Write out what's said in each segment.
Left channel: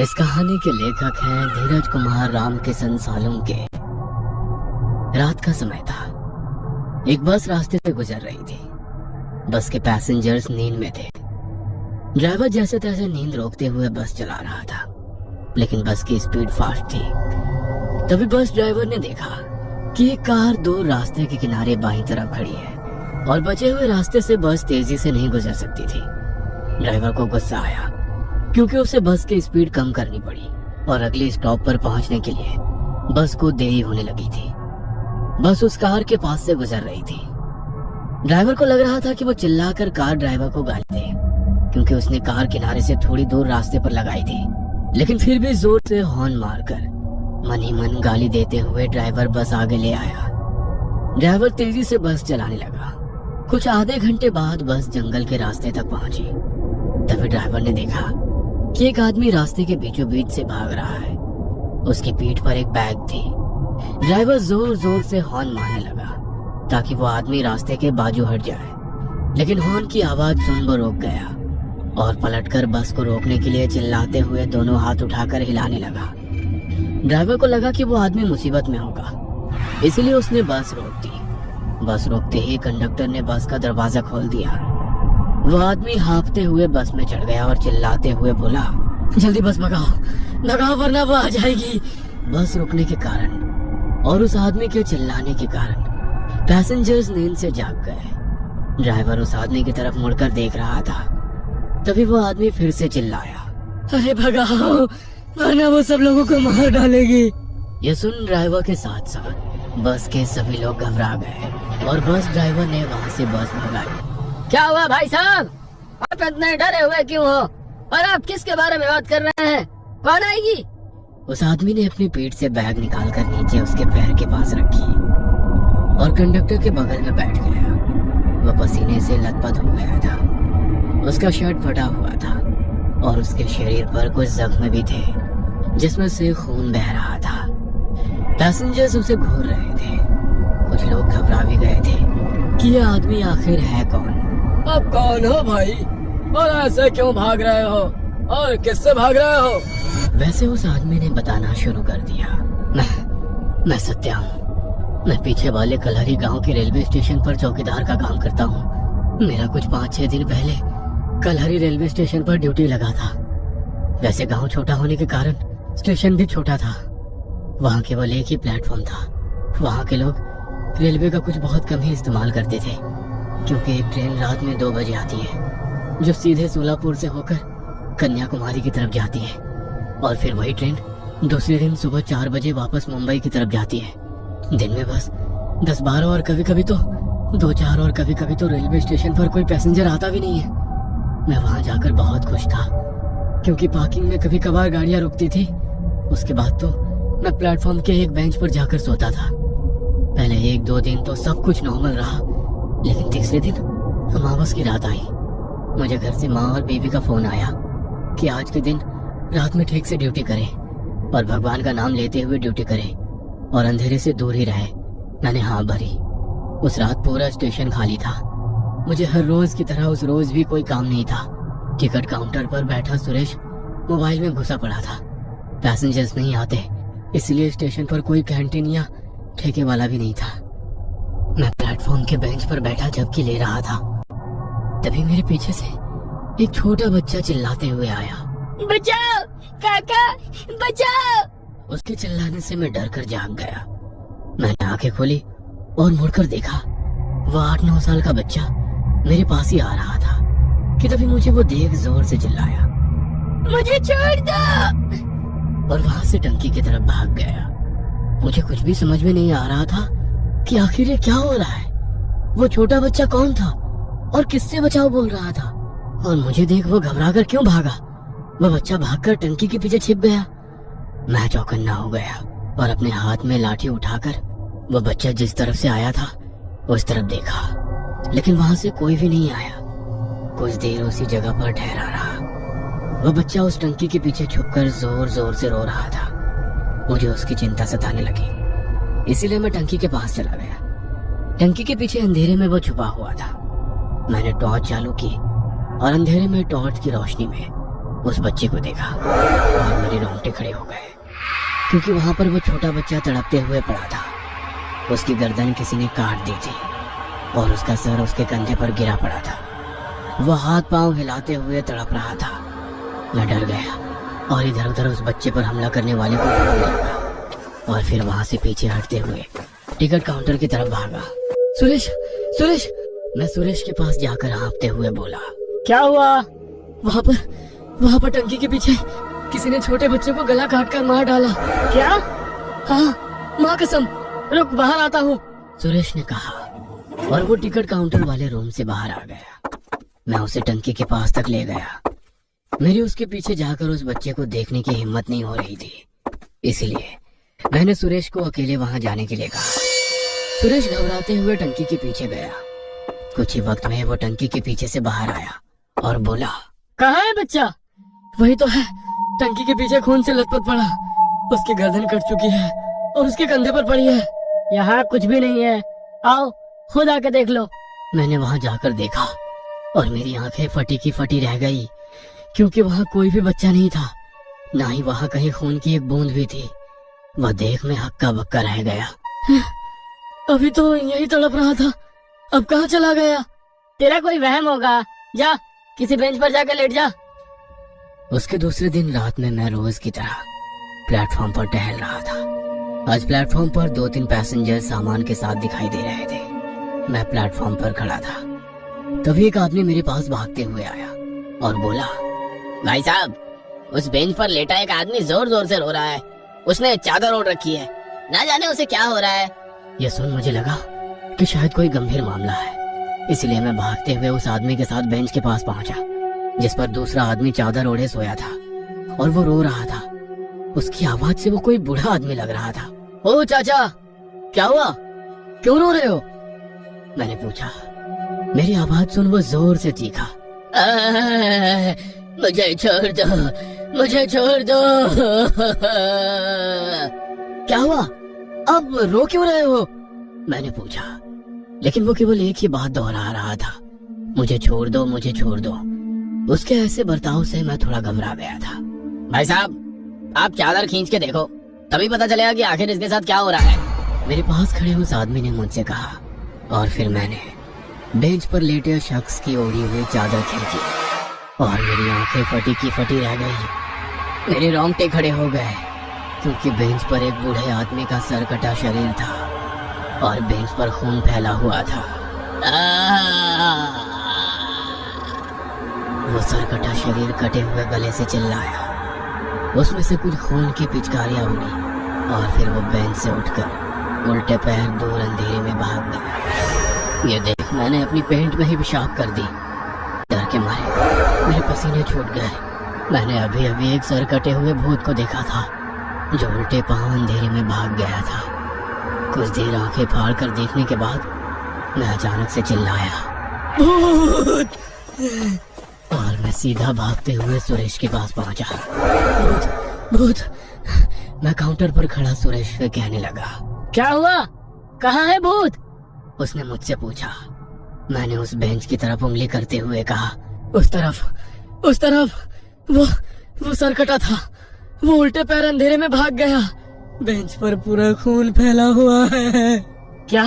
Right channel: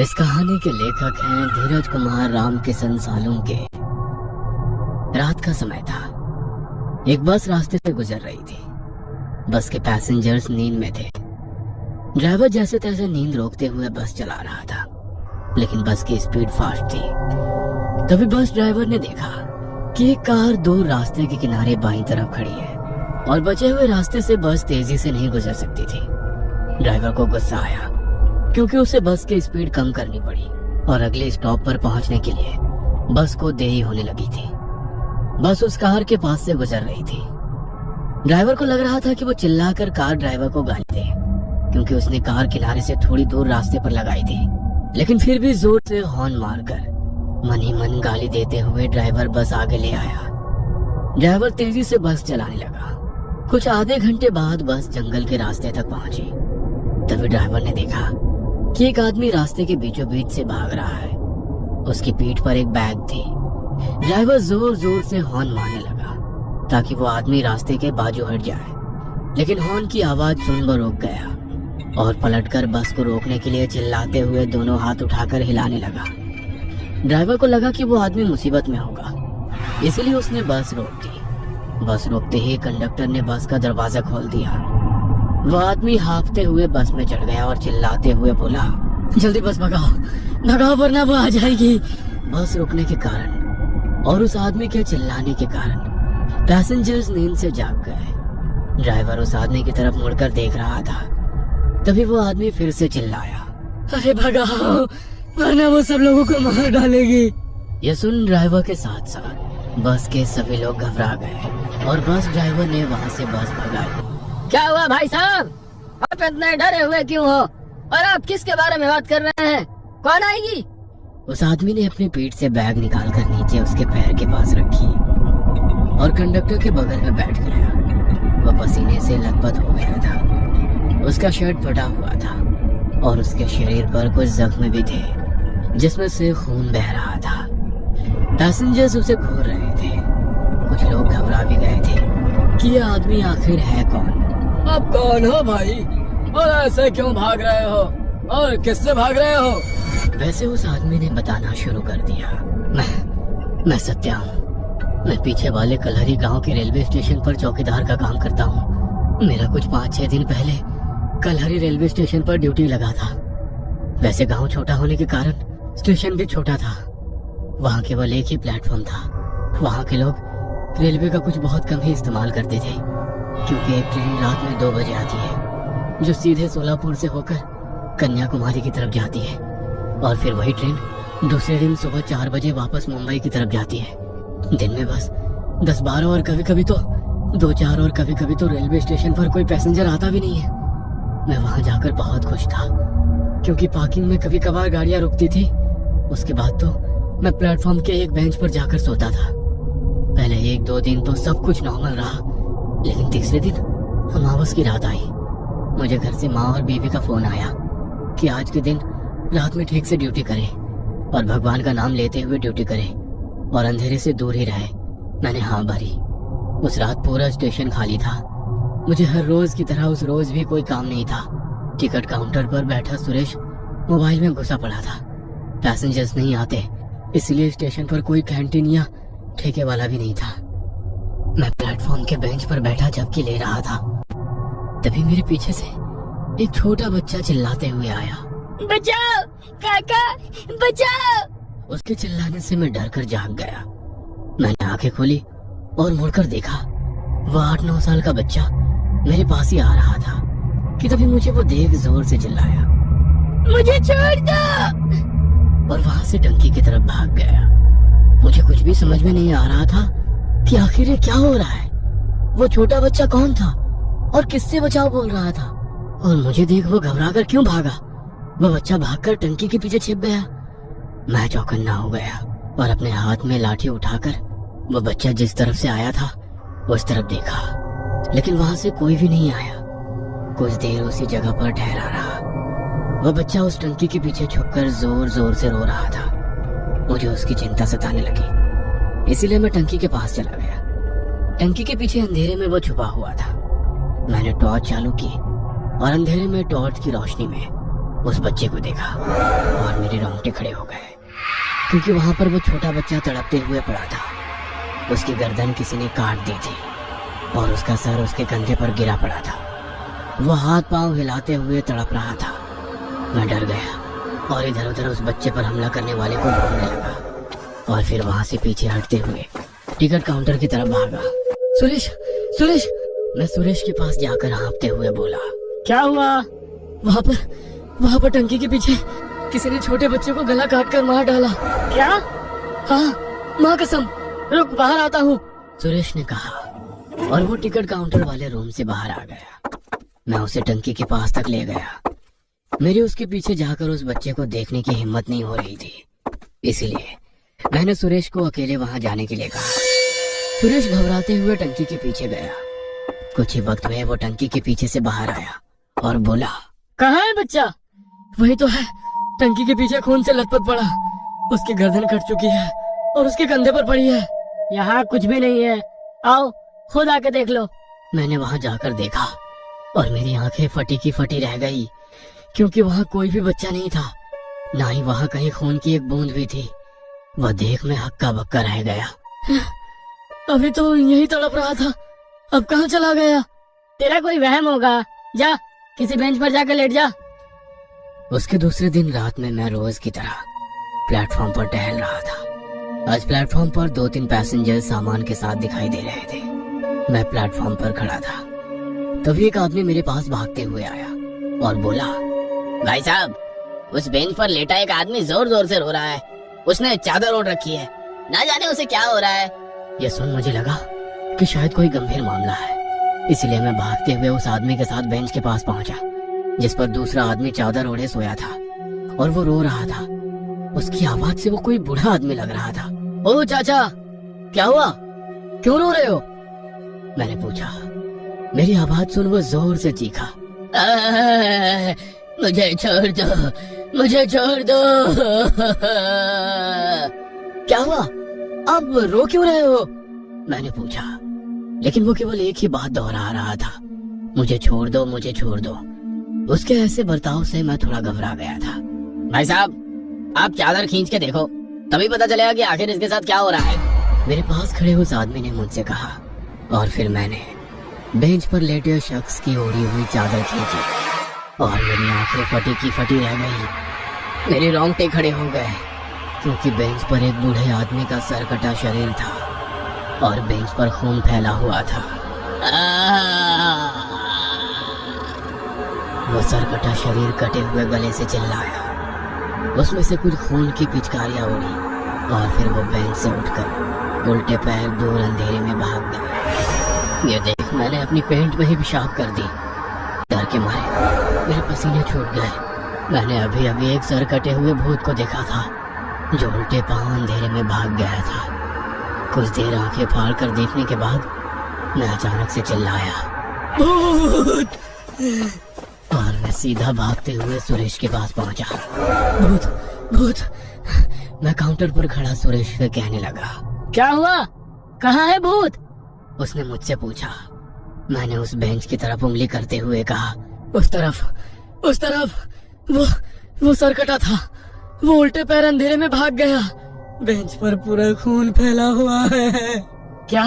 इस कहानी के लेखक हैं धीरज कुमार राम किशन सालुम के। रात का समय था। एक बस रास्ते से गुजर रही थी। बस के पैसेंजर्स नींद में थे। ड्राइवर जैसे तैसे नींद रोकते हुए बस चला रहा था, लेकिन बस की स्पीड फास्ट थी। तभी बस ड्राइवर ने देखा कि एक कार दो रास्ते के किनारे बाईं तरफ खड़ी है और बचे हुए रास्ते से बस तेजी से नहीं गुजर सकती थी। ड्राइवर को गुस्सा आया क्योंकि उसे बस की स्पीड कम करनी पड़ी और अगले स्टॉप पर पहुंचने के लिए बस को देरी होने लगी थी। बस उस कार के पास से गुजर रही थी। ड्राइवर को लग रहा था कि वो चिल्लाकर कार ड्राइवर को गाली दे, क्योंकि उसने कार किनारे से थोड़ी दूर रास्ते पर लगाई थी। लेकिन फिर भी जोर से हॉर्न मारकर मन ही मन गाली देते हुए ड्राइवर बस आगे ले आया। ड्राइवर तेजी से बस चलाने लगा। कुछ आधे घंटे बाद बस जंगल के रास्ते तक पहुंची। तभी ड्राइवर ने देखा कि एक आदमी रास्ते के बीचों बीच से भाग रहा है। उसकी पीठ पर एक बैग थी। ड्राइवर जोर जोर से हॉर्न मारने लगा ताकि वो आदमी रास्ते के बाजू हट जाए, लेकिन हॉर्न की आवाज सुन पर रुक गया और पलटकर बस को रोकने के लिए चिल्लाते हुए दोनों हाथ उठाकर हिलाने लगा। ड्राइवर को लगा कि वो आदमी मुसीबत में होगा, इसीलिए उसने बस रोक दी। बस रोकते ही कंडक्टर ने बस का दरवाजा खोल दिया। वो आदमी हाँफते हुए बस में चढ़ गया और चिल्लाते हुए बोला, जल्दी बस भगाओ, भगाओ वरना वो आ जाएगी। बस रुकने के कारण और उस आदमी के चिल्लाने के कारण पैसेंजर्स नींद से जाग गए। ड्राइवर उस आदमी की तरफ मुड़कर देख रहा था। तभी वो आदमी फिर से चिल्लाया, अरे भगाओ वरना वो सब लोगों को मार डालेगी। ये सुन ड्राइवर के साथ साथ बस के सभी लोग घबरा गए और बस ड्राइवर ने वहाँ से बस भगाई। क्या हुआ भाई साहब, आप इतने डरे हुए क्यों हो और आप किसके बारे में बात कर रहे हैं? कौन आएगी? उस आदमी ने अपनी पीठ से बैग निकालकर नीचे उसके पैर के पास रखी और कंडक्टर के बगल में बैठ गया। वह पसीने से लथपथ हो गया था। उसका शर्ट फटा हुआ था और उसके शरीर पर कुछ जख्म भी थे जिसमें से खून बह रहा था। पैसेंजर्स उसे घूर रहे थे। कुछ लोग घबरा भी गए थे कि यह आदमी आखिर है कौन। आप कौन हो भाई और ऐसे क्यों भाग रहे हो और किससे भाग रहे हो? वैसे उस आदमी ने बताना शुरू कर दिया, मैं सत्या हूँ। मैं पीछे वाले कलहरी गांव के रेलवे स्टेशन पर चौकीदार का काम करता हूँ। मेरा कुछ 5-6 दिन पहले कलहरी रेलवे स्टेशन पर ड्यूटी लगा था। वैसे गांव छोटा होने के कारण स्टेशन भी छोटा था। वहाँ केवल एक ही प्लेटफॉर्म था। वहाँ के लोग रेलवे का कुछ बहुत कम ही इस्तेमाल करते थे, क्योंकि एक ट्रेन रात में 2 बजे आती है जो सीधे सोलापुर से होकर कन्याकुमारी की तरफ जाती है और फिर वही ट्रेन दूसरे दिन सुबह 4 बजे वापस मुंबई की तरफ जाती है। दिन में बस 10-12 और कभी कभी तो 2-4 और कभी कभी तो रेलवे स्टेशन पर कोई पैसेंजर आता भी नहीं है। मैं वहां जाकर बहुत खुश था, क्योंकि पार्किंग में कभी कभार गाड़ियां रुकती थी। उसके बाद तो मैं प्लेटफॉर्म के एक बेंच पर जाकर सोता था। पहले 1-2 दिन तो सब कुछ नॉर्मल रहा, लेकिन तीसरे दिन अमावस की रात आई। मुझे घर से माँ और बीवी का फोन आया कि आज के दिन रात में ठीक से ड्यूटी करें और भगवान का नाम लेते हुए ड्यूटी करें और अंधेरे से दूर ही रहे। मैंने हाँ भरी। उस रात पूरा स्टेशन खाली था। मुझे हर रोज की तरह उस रोज भी कोई काम नहीं था। टिकट काउंटर पर बैठा सुरेश मोबाइल में घुसा पड़ा था। पैसेंजर्स नहीं आते, इसलिए स्टेशन पर कोई कैंटीन या ठेके वाला भी नहीं था। मैं प्लेटफॉर्म के बेंच पर बैठा झपकी ले रहा था। तभी मेरे पीछे से एक छोटा बच्चा चिल्लाते हुए आया, बचाओ काका, बचाओ। उसके चिल्लाने से मैं डर कर जाग गया। मैंने आंखें खोली और मुड़कर देखा। वह 8-9 साल का बच्चा मेरे पास ही आ रहा था कि तभी मुझे वो देख जोर से चिल्लाया, मुझे छोड़ दो, और वहां से टंकी की तरफ भाग गया। मुझे कुछ भी समझ में नहीं आ रहा था कि आखिर ये क्या हो रहा है। वो छोटा बच्चा कौन था और किससे बचाव बोल रहा था, और मुझे देख वो घबराकर क्यों भागा। वो बच्चा भागकर टंकी के पीछे छिप गया। मैं चौकन्ना हो गया और अपने हाथ में लाठी उठाकर वो बच्चा जिस तरफ से आया था उस तरफ देखा, लेकिन वहां से कोई भी नहीं आया। कुछ देर उसी जगह पर ठहरा रहा। वह बच्चा उस टंकी के पीछे छुपकर जोर जोर से रो रहा था। मुझे उसकी चिंता सताने लगी, इसीलिए मैं टंकी के पास चला गया। टंकी के पीछे अंधेरे में वो छुपा हुआ था। मैंने टॉर्च चालू की और अंधेरे में टॉर्च की रोशनी में उस बच्चे को देखा और मेरे खड़े हो गए, क्योंकि वहां पर वो छोटा बच्चा तड़पते हुए पड़ा था। उसकी गर्दन किसी ने काट दी थी और उसका सर उसके कंधे पर गिरा पड़ा था। वह हाथ पांव हिलाते हुए तड़प रहा था। मैं डर गया और इधर उधर उस बच्चे पर हमला करने वाले को ढूंढने लगा और फिर वहां से पीछे हटते हुए टिकट काउंटर की तरफ भागा। सुरेश, सुरेश! मैं सुरेश के पास जाकर हाँफते हुए बोला, क्या हुआ? वहाँ पर टंकी के पीछे किसी ने छोटे बच्चे को गला काट कर मार डाला। क्या? हाँ, माँ कसम। रुक, बाहर आता हूँ। सुरेश ने कहा और वो टिकट काउंटर वाले रूम से बाहर आ गया। मैं उसे टंकी के पास तक ले गया। मेरी उसके पीछे जाकर उस बच्चे को देखने की हिम्मत नहीं हो रही थी, इसलिए मैंने सुरेश को अकेले वहां जाने के लिए कहा। सुरेश घबराते हुए टंकी के पीछे गया। कुछ ही वक्त में वो टंकी के पीछे से बाहर आया और बोला, कहाँ है बच्चा? वही तो है, टंकी के पीछे खून से लथपथ पड़ा। उसकी गर्दन कट चुकी है और उसके कंधे पर पड़ी है। यहाँ कुछ भी नहीं है, आओ खुद आके देख लो। मैंने वहां जाकर देखा और मेरी आंखें फटी की फटी रह गई, क्योंकि वहां कोई भी बच्चा नहीं था, ना ही वहां कहीं खून की एक बूंद भी थी। वह देख में हक्का बक्का रह गया। अभी तो यही तड़प रहा था, अब कहाँ चला गया? तेरा कोई वहम होगा, जा किसी बेंच पर जाकर लेट जा। उसके दूसरे दिन रात में मैं रोज की तरह प्लेटफॉर्म पर टहल रहा था। आज प्लेटफॉर्म पर 2-3 पैसेंजर सामान के साथ दिखाई दे रहे थे। मैं प्लेटफॉर्म पर खड़ा था, तभी एक आदमी मेरे पास भागते हुए आया और बोला, भाई साहब, उस बेंच पर लेटा एक आदमी जोर जोर से रो रहा है। उसने चादर ओढ़ रखी है, ना जाने उसे क्या हो रहा है। यह सुन मुझे लगा कि शायद कोई गंभीर मामला है, इसलिए मैं भागते हुए उस आदमी के साथ बेंच के पास पहुंचा, जिस पर दूसरा आदमी चादर ओढ़े सोया था और वो रो रहा था। उसकी आवाज से वो कोई बूढ़ा आदमी लग रहा था। ओ चाचा, क्या हुआ? क्यों रो रहे हो? मैंने पूछा। मेरी आवाज सुन वो जोर से चीखा, मुझे छोड़ दो, मुझे छोड़ दो। क्या हुआ? अब रो क्यों रहे हो? मैंने पूछा, लेकिन वो केवल एक ही बात दोहरा रहा था, मुझे छोड़ दो, मुझे छोड़ दो। उसके ऐसे बर्ताव से मैं थोड़ा घबरा गया था। भाई साहब, आप चादर खींच के देखो, तभी पता चलेगा कि आखिर इसके साथ क्या हो रहा है। मेरे पास खड़े उस आदमी ने मुझसे कहा और फिर मैंने बेंच पर लेटे शख्स की ओढ़ी हुई चादर खींची और मेरी आंखें फटी की फटी रह गई। मेरे रोंगटे खड़े हो गए, क्योंकि बेंच पर एक बूढ़े आदमी का सर कटा शरीर था और बेंच पर खून फैला हुआ था। वो सर कटा शरीर कटे हुए गले से चिल्लाया। उसमें से कुछ खून की पिचकारियां उड़ी और फिर वो बेंच से उठकर उल्टे पैर दूर अंधेरे में भाग गया। ये देख मैंने अपनी पेंट में ही पेशाब कर दी। डर के मारे मेरे पसीने छूट गए। मैंने अभी अभी एक सर कटे हुए भूत को देखा था, जो उल्टे पांव अंधेरे में भाग गया था। कुछ देर आंखें फाड़ कर देखने के बाद मैं अचानक से चिल्लाया, भूत! और मैं सीधा भागते हुए सुरेश के पास पहुंचा। भूत, भूत! मैं काउंटर पर खड़ा सुरेश से कहने लगा, क्या हुआ? कहाँ है भूत? उसने मुझसे पूछा। मैंने उस बेंच की तरफ उंगली करते हुए कहा, उस तरफ वो सर कटा था, वो उल्टे पैर अंधेरे में भाग गया। बेंच पर पूरा खून फैला हुआ है। क्या?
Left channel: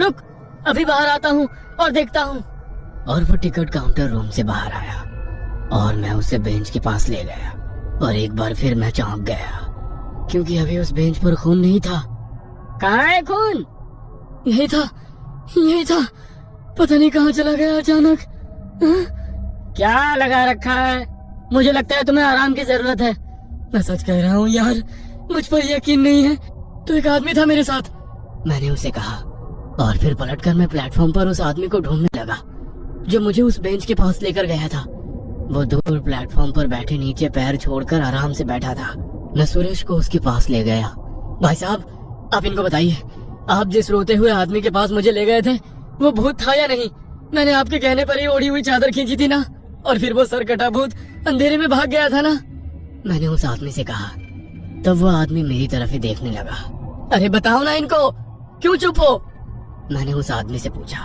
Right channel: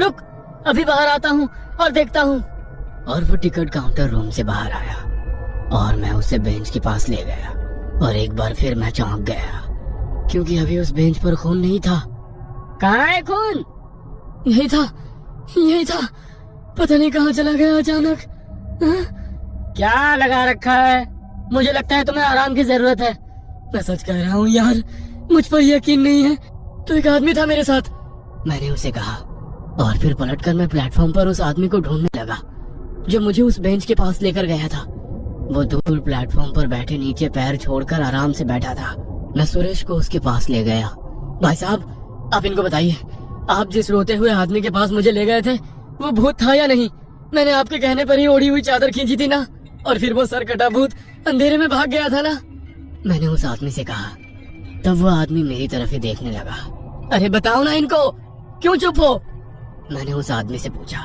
रुक, अभी बाहर आता हूँ और देखता हूँ। और वो टिकट काउंटर रूम से बाहर आया और मैं उसे बेंच के पास ले गया और एक बार फिर मैं चौंक गया, क्योंकि अभी उस बेंच पर खून नहीं था। कहाँ है खून? यही था, पता नहीं कहाँ चला गया अचानक। क्या लगा रखा है? मुझे लगता है तुम्हें आराम की जरूरत है। मैं सच कह रहा हूँ यार, मुझ पर यकीन नहीं है। तो एक आदमी था मेरे साथ, मैंने उसे कहा और फिर पलटकर मैं प्लेटफॉर्म पर उस आदमी को ढूंढने लगा जो मुझे उस बेंच के पास लेकर गया था। वो दूर प्लेटफॉर्म पर बैठे नीचे पैर छोड़कर आराम से बैठा था। मैं सुरेश को उसके पास ले गया। भाई साहब, आप इनको बताइए, आप जिस रोते हुए आदमी के पास मुझे ले गए थे, वो भूत था या नहीं? मैंने आपके कहने पर ही ओढ़ी हुई चादर खींची थी ना, और फिर वो सर कटा भूत अंधेरे में भाग गया था ना? मैंने उस आदमी से कहा। तब वो आदमी मेरी तरफ ही देखने लगा। अरे बताओ ना इनको, क्यों चुप हो? मैंने उस आदमी से पूछा।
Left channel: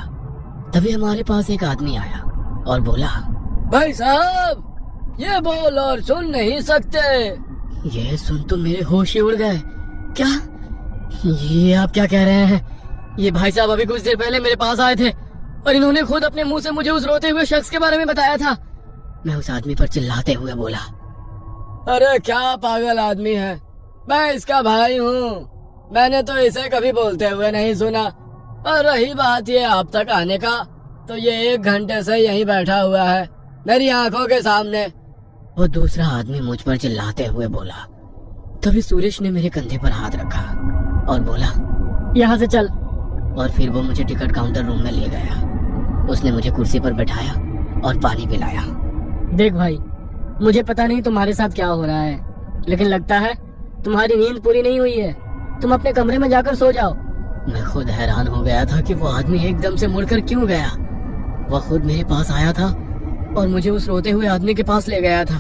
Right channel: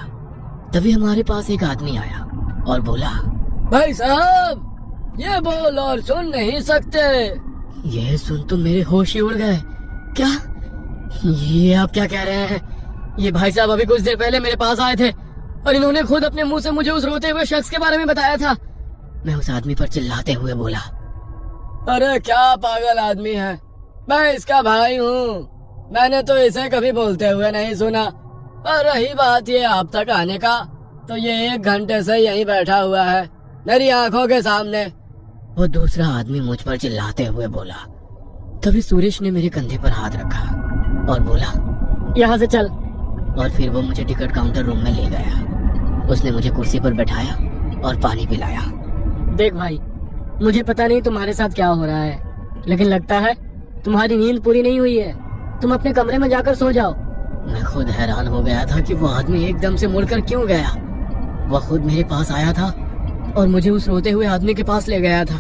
तभी हमारे पास एक आदमी आया और बोला, भाई साहब, ये बोल और सुन नहीं सकते। ये सुन तो मेरे होश ही उड़ गए। क्या ये आप क्या कह रहे हैं? ये भाई साहब अभी कुछ देर पहले मेरे पास आए थे और इन्होंने खुद अपने मुंह से मुझे उस रोते हुए शख्स के बारे में बताया था। मैं उस आदमी पर चिल्लाते हुए बोला, अरे क्या पागल आदमी है, मैं इसका भाई हूँ। मैंने तो इसे कभी बोलते हुए नहीं सुना। और रही बात ये अब तक आने का, तो ये 1 घंटे से यहीं बैठा हुआ है मेरी आंखों के सामने। वो दूसरा आदमी मुझ पर चिल्लाते हुए बोला। तभी सुरेश ने मेरे कंधे पर हाथ रखा और बोला, यहाँ से चल। और फिर वो मुझे टिकट काउंटर रूम में ले गया। उसने मुझे कुर्सी पर बैठाया और पानी पिलाया। देख भाई, मुझे पता नहीं तुम्हारे साथ क्या हो रहा है, लेकिन लगता है तुम्हारी नींद पूरी नहीं हुई है। तुम अपने कमरे में जाकर सो जाओ। मैं खुद हैरान हो गया था कि वो आदमी एकदम से मुड़कर क्यों गया। वह खुद मेरे पास आया था और मुझे उस रोते हुए आदमी के पास ले गया था।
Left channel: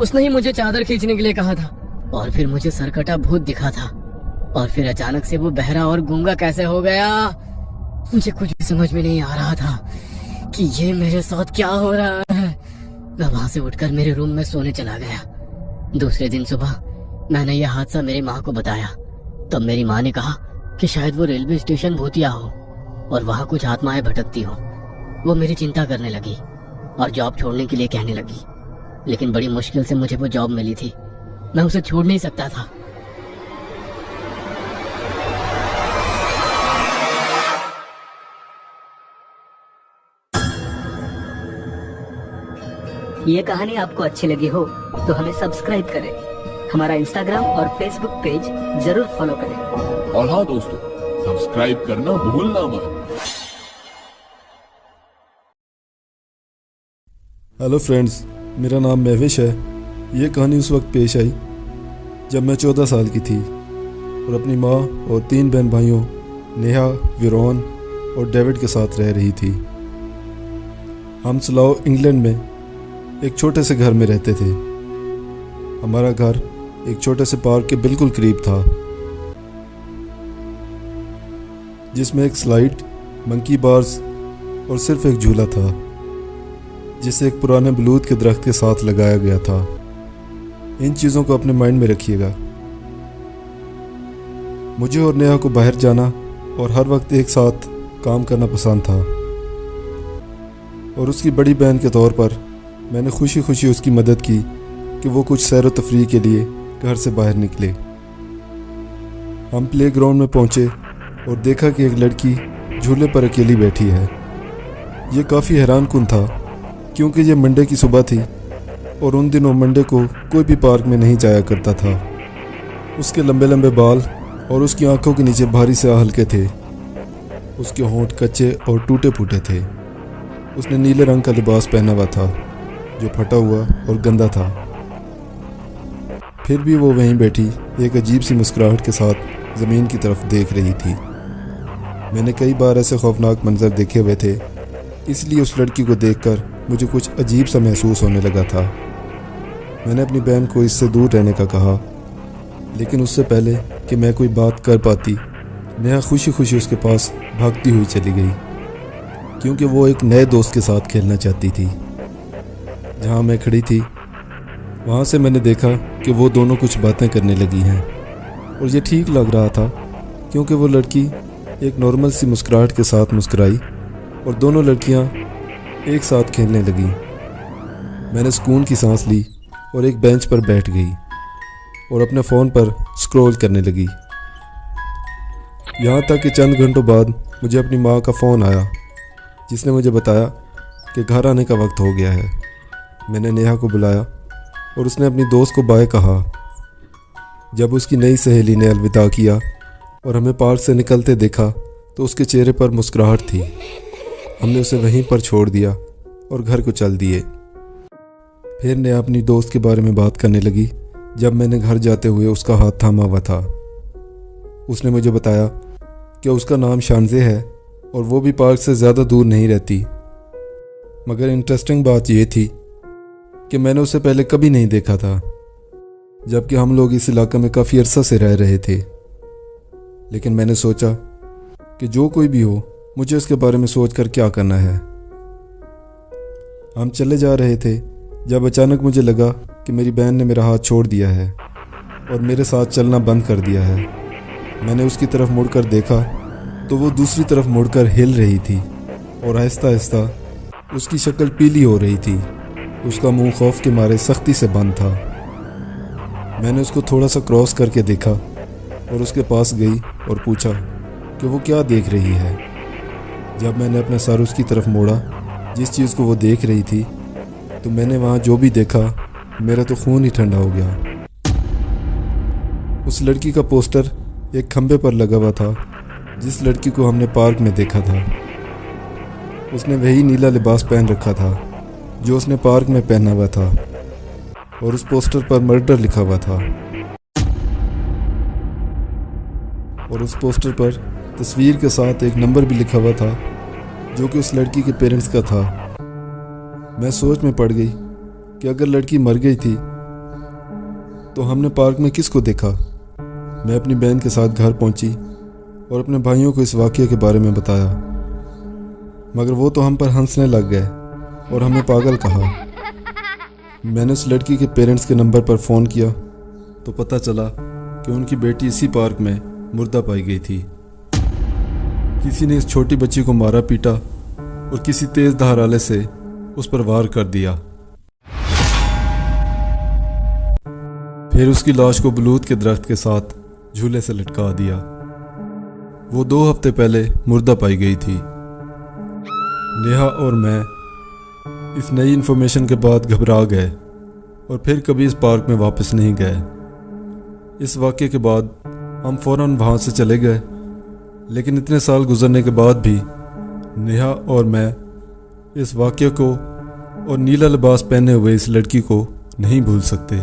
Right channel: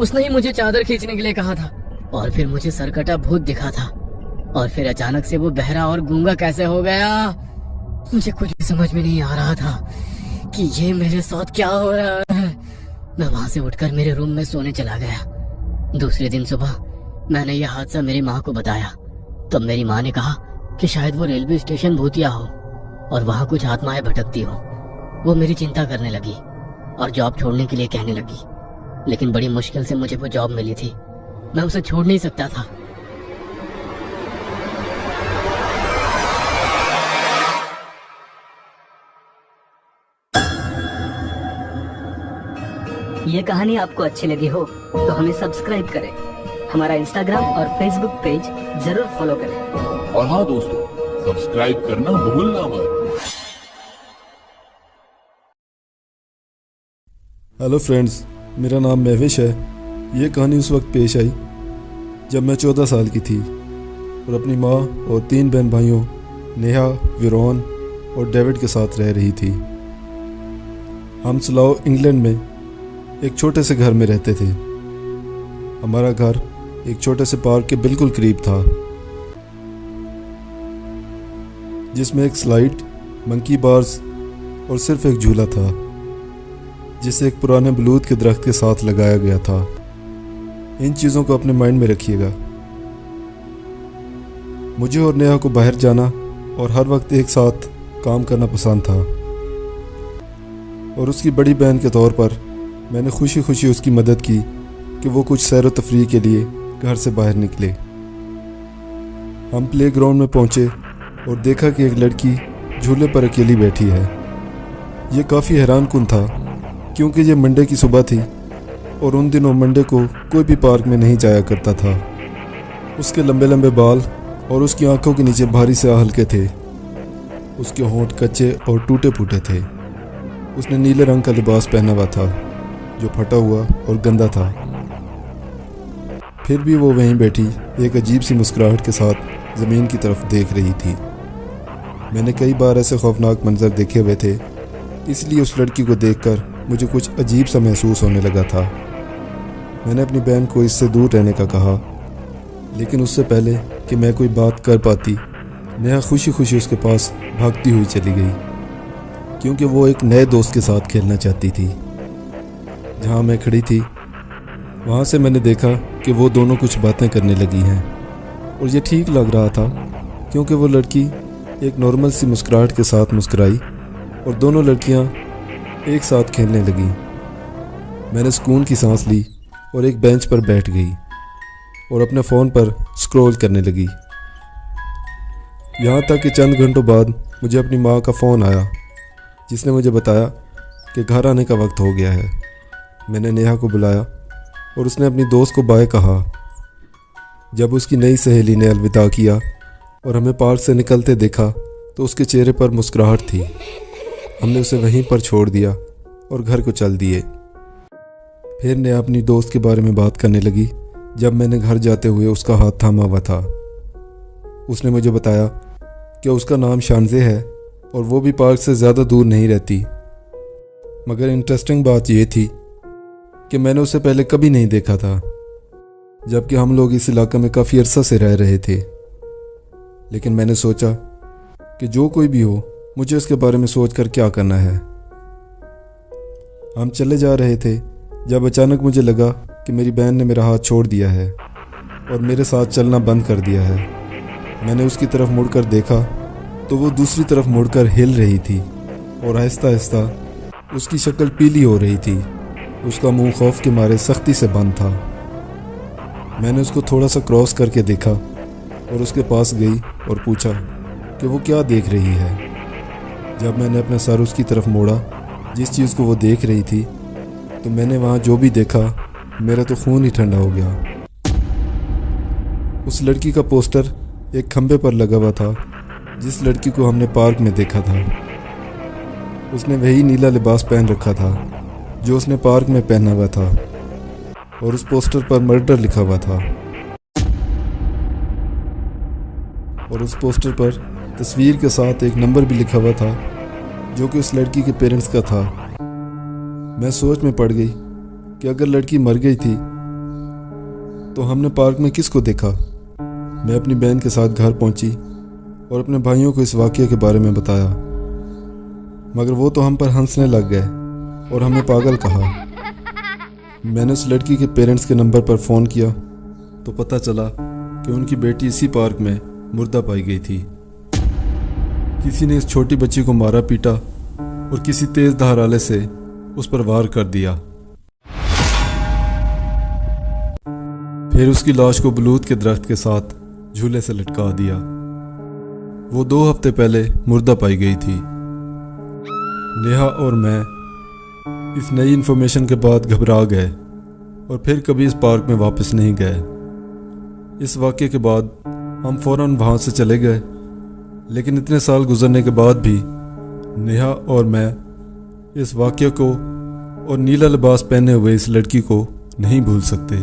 उसने ही मुझे चादर खींचने के लिए कहा था और फिर मुझे सरकटा भूत दिखा था। और फिर अचानक से वो बहरा और गूंगा कैसे हो गया। मुझे कुछ भी समझ में नहीं आ रहा था कि ये मेरे साथ क्या हो रहा है। मैं वहां से उठकर मेरे रूम में सोने चला गया। दूसरे दिन सुबह मैंने यह हादसा मेरी माँ को बताया। तब मेरी माँ ने कहा कि शायद वो रेलवे स्टेशन भूतिया हो और वहाँ कुछ आत्माएं भटकती हो। वो मेरी चिंता करने लगी और जॉब छोड़ने के लिए कहने लगी, लेकिन बड़ी मुश्किल से मुझे वो जॉब मिली थी। मैं उसे छोड़ नहीं सकता था। ये कहानी आपको अच्छी लगी हो तो हमें सब्सक्राइब करें, हमारा इंस्टाग्राम और फेसबुक पेज जरूर फॉलो करें। और हाँ दोस्तों, सब्सक्राइब करना भूलना मत। हेलो फ्रेंड्स, मेरा नाम महविश है। ये कहानी उस वक्त पेश आई जब मैं 14 साल की थी और अपनी माँ और 3 बहन भाइयों नेहा, विरोन और डेविड के साथ रह रही थी। हम स्लाओ इंग्लैंड में एक छोटे से घर में रहते थे। हमारा घर एक छोटे से पार्क के बिल्कुल करीब था, जिसमें एक स्लाइड, मंकी बार्स और सिर्फ एक झूला था, जिसे एक पुराने बलूत के दरख्त के साथ लगाया गया था। इन चीज़ों को अपने माइंड में रखिएगा। मुझे और नेहा को बाहर जाना और हर वक्त एक साथ काम करना पसंद था, और उसकी बड़ी बहन के तौर पर मैंने खुशी खुशी उसकी मदद की कि वो कुछ सैर व तफरीह के लिए घर से बाहर निकले। हम प्ले ग्राउंड में पहुँचे और देखा कि एक लड़की झूले पर अकेली बैठी है। ये काफ़ी हैरान कुन था क्योंकि ये मंडे की सुबह थी और उन दिनों मंडे को कोई भी पार्क में नहीं जाया करता था। उसके लंबे लंबे बाल और उसकी आंखों के नीचे भारी से हल्के थे। उसके होंठ कच्चे और टूटे फूटे थे। उसने नीले रंग का लिबास पहना हुआ था जो फटा हुआ और गंदा था। फिर भी वो वहीं बैठी एक अजीब सी मुस्कुराहट के साथ ज़मीन की तरफ देख रही थी। मैंने कई बार ऐसे खौफनाक मंजर देखे हुए थे, इसलिए उस लड़की को देखकर मुझे कुछ अजीब सा महसूस होने लगा था। मैंने अपनी बहन को इससे दूर रहने का कहा, लेकिन उससे पहले कि मैं कोई बात कर पाती, नेहा खुशी खुशी उसके पास भागती हुई चली गई, क्योंकि वो एक नए दोस्त के साथ खेलना चाहती थी। जहाँ मैं खड़ी थी वहाँ से मैंने देखा कि वो दोनों कुछ बातें करने लगी हैं, और ये ठीक लग रहा था क्योंकि वो लड़की एक नॉर्मल सी मुस्कुराहट के साथ मुस्कुराई और दोनों लड़कियाँ एक साथ खेलने लगीं। मैंने सुकून की सांस ली और एक बेंच पर बैठ गई और अपने फ़ोन पर स्क्रॉल करने लगी। यहाँ तक कि चंद घंटों बाद मुझे अपनी माँ का फ़ोन आया, जिसने मुझे बताया कि घर आने का वक्त हो गया है। मैंने नेहा को बुलाया और उसने अपनी दोस्त को बाय कहा। जब उसकी नई सहेली ने अलविदा किया और हमें पार्क से निकलते देखा तो उसके चेहरे पर मुस्कुराहट थी। हमने उसे वहीं पर छोड़ दिया और घर को चल दिए। फिर नेहा अपनी दोस्त के बारे में बात करने लगी। जब मैंने घर जाते हुए उसका हाथ थामा हुआ था, उसने मुझे बताया कि उसका नाम शानजे है और वो भी पार्क से ज़्यादा दूर नहीं रहती। मगर इंटरेस्टिंग बात यह थी कि मैंने उसे पहले कभी नहीं देखा था, जबकि हम लोग इस इलाके में काफ़ी अरसा से रह रहे थे। लेकिन मैंने सोचा कि जो कोई भी हो, मुझे इसके बारे में सोचकर क्या करना है। हम चले जा रहे थे जब अचानक मुझे लगा कि मेरी बहन ने मेरा हाथ छोड़ दिया है। और मेरे साथ चलना बंद कर दिया है। मैंने उसकी तरफ मुड़कर देखा तो वो दूसरी तरफ मुड़कर हिल रही थी और आहिस्ता आहिस्ता उसकी शक्ल पीली हो रही थी। उसका मुंह खौफ के मारे सख्ती से बंद था। मैंने उसको थोड़ा सा क्रॉस करके देखा और उसके पास गई और पूछा कि वो क्या देख रही है। जब मैंने अपना सर उसकी तरफ मोड़ा जिस चीज़ को वो देख रही थी, तो मैंने वहाँ जो भी देखा मेरा तो खून ही ठंडा हो गया। उस लड़की का पोस्टर एक खंबे पर लगा हुआ था जिस लड़की को हमने पार्क में देखा था। उसने वही नीला लिबास पहन रखा था जो उसने पार्क में पहना हुआ था और उस पोस्टर पर मर्डर लिखा हुआ था और उस पोस्टर पर तस्वीर के साथ एक नंबर भी लिखा हुआ था जो कि उस लड़की के पेरेंट्स का था। मैं सोच में पड़ गई कि अगर लड़की मर गई थी तो हमने पार्क में किसको देखा। मैं अपनी बहन के साथ घर पहुंची और अपने भाइयों को इस वाक़ये के बारे में बताया, मगर वो तो हम पर हंसने लग गए और हमें पागल कहा। मैंने उस लड़की के पेरेंट्स के नंबर पर फ़ोन किया तो पता चला कि उनकी बेटी इसी पार्क में मुर्दा पाई गई थी। किसी ने इस छोटी बच्ची को मारा पीटा और किसी तेज़ धार आले से उस पर वार कर दिया। फिर उसकी लाश को बलूत के दरख्त के साथ झूले से लटका दिया। वो 2 हफ्ते पहले मुर्दा पाई गई थी। नेहा और मैं इस नई इन्फॉर्मेशन के बाद घबरा गए और फिर कभी इस पार्क में वापस नहीं गए। इस वाक़े के बाद हम फ़ौरन वहाँ से चले गए, लेकिन इतने साल गुजरने के बाद भी नेहा और मैं इस वाक़े को और नीला लिबास पहने हुए इस लड़की को नहीं भूल सकते।